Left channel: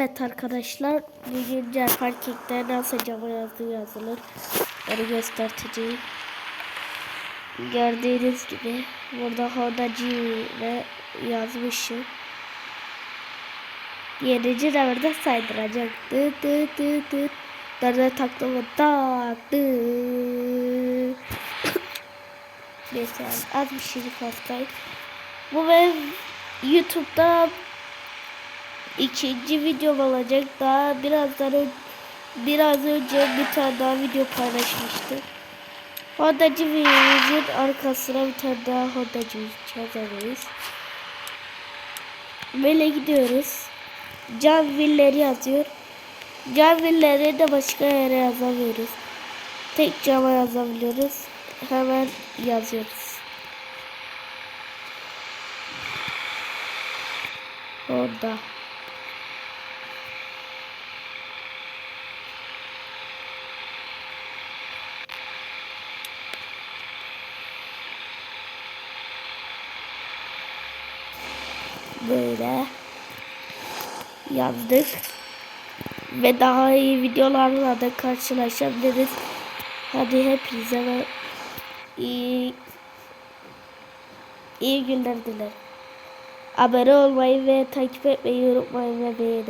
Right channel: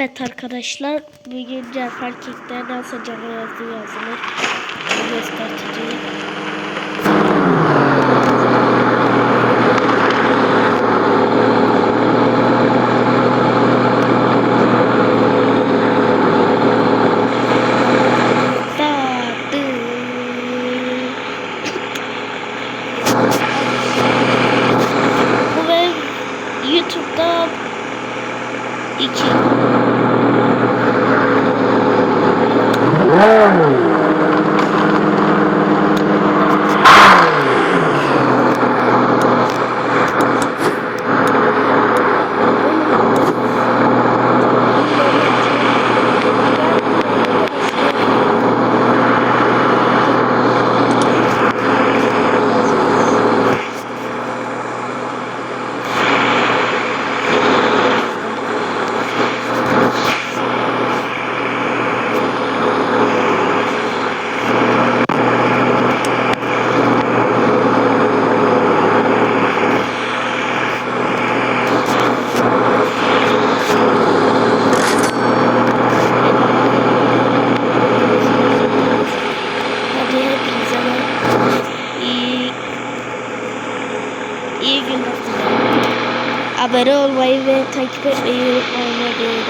Evet arkadaşlar, bugün Cerparking'de nasıl canı yazdığı yazılır. Onu göstereceğim. Bu benim YouTube'da ikinci video olacak. Birazdan böyle gidiyoruz. Can villeri atıyor. Can villeri de başka yere yazabiliriz. Tek can yazabiliriz. Daha iyi videolarla da karşılaşabiliriz. Hadi hepinize iyi günler dilerim. Abone olmayı ve takip etmeyi unutmayın.